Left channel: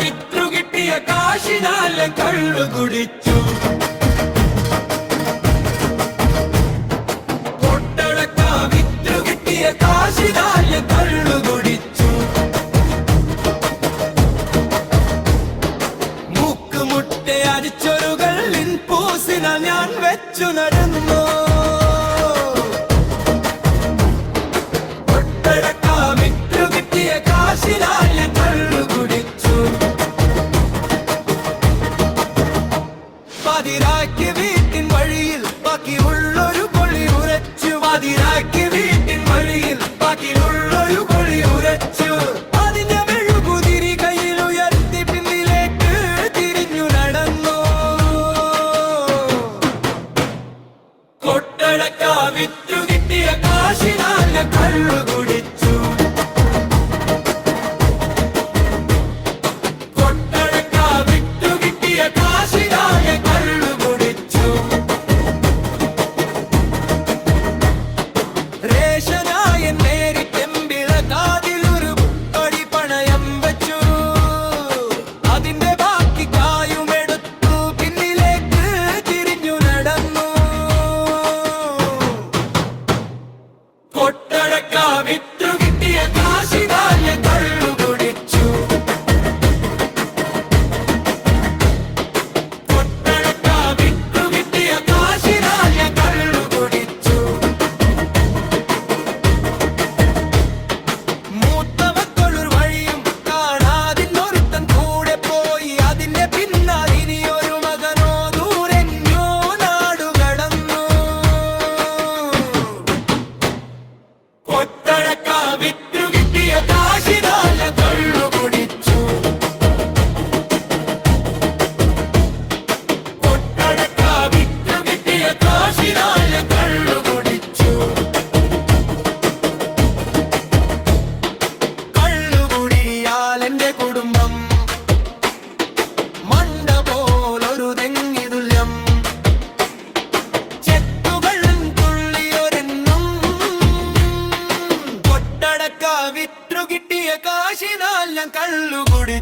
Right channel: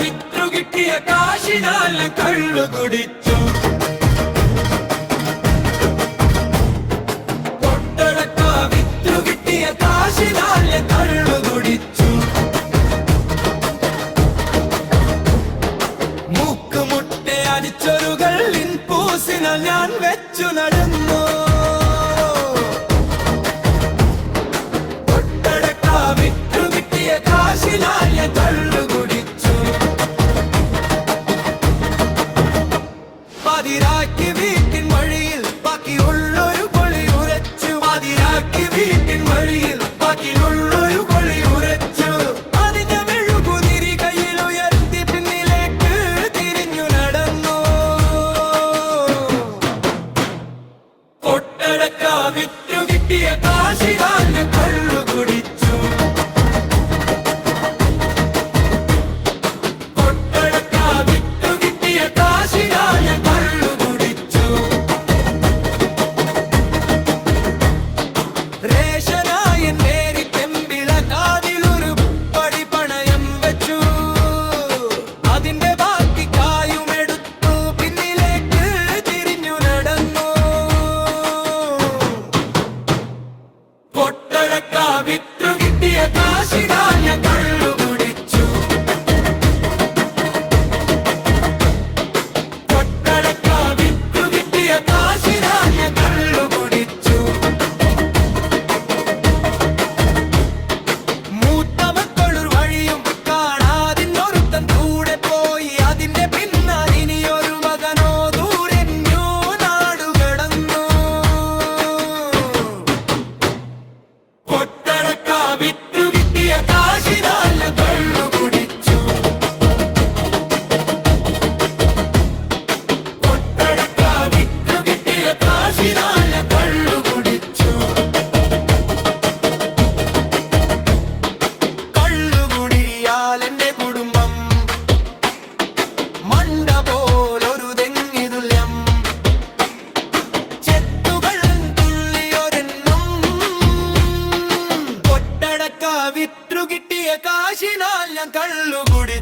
വിത്രു കിട്ടിയ കാശിനാൽ ഞാൻ കള്ളു കുടിച്ചു. കൊട്ടടക്ക വിത്രു കിട്ടിയ കാശിനാൽ ഞാൻ കള്ളു കുടിച്ചു. മൂക്കുമുട്ട അരിച്ചൊരുകൾ പൂസിനാൽ ഞാൻ വെച്ചു നടന്നു. കൊട്ടടക്ക വിത്രു കിട്ടിയ കാശിനാൽ ഞാൻ കള്ളു കുടിച്ചു. പതിരാക്കി വീട്ടിൻ വഴിയിൽ ബാക്കിയുള്ളൊരു കൊളി ഉരച്ചു. പതിരാക്കി വീട്ടിൻ വഴിയിൽ ബാക്കിയുള്ളൊരു കൊളി ഉരച്ചു. അതിഞ്ഞ മെഴുകുതിരി കയ്യിൽ ഉയർത്തി പിന്നിലേക്ക് തിരിഞ്ഞു നടന്നു. കൊട്ടടക്ക വിത്രു കിട്ടിയ കാശിനാൽ ഞാൻ കള്ളു കുടിച്ചു. കൊട്ടടക്ക വിത്രു കിട്ടിയ കാശിനാൽ ഞാൻ കള്ളു കുടിച്ചു. റേഷനായൻ മേരി പെമ്പിള കാതിലൊരു പടി പണയം വെച്ചു. അതിന്റെ ബാക്കി കായുമെടുത്തു പിന്നിലേക്ക് തിരിഞ്ഞു നടന്നു. കൊട്ടടക്ക വിത്രു കിട്ടിയ കാശിനാൽ ഞാൻ കള്ളു കുടിച്ചു. കൊട്ടടക്ക വിത്രു കിട്ടിയ കാശിനാൽ ഞാൻ കള്ളു കുടിച്ചു. മൂത്ത മക്കളൊരു വഴിയും കാണാതിന്നൊരുത്തൻ കൂടെ പോയി. അതിന്റെ പിന്നാലിനിയൊരു മകനോ ദൂരെഞ്ഞോ നാടുകടന്നു. കൊട്ടടക്ക വിത്രു കിട്ടിയ കാശിനാൽ ഞാൻ കള്ളു കുടിച്ചു. കൊട്ടടക്ക വിത്രു കിട്ടിയ കാശിനാൽ ഞാൻ കള്ളു കുടിച്ചു. കള്ളുകുടിയാൽ എന്റെ കുടുംബം മണ്ട പോലൊരു തെങ്ങി തുല്യം. ചെത്തുകൾ തുള്ളിയൊരെണ്ണം. കൊട്ടടക്ക വിത്രു കിട്ടിയ കാശിനാൽ ഞാൻ കള്ളുകുടി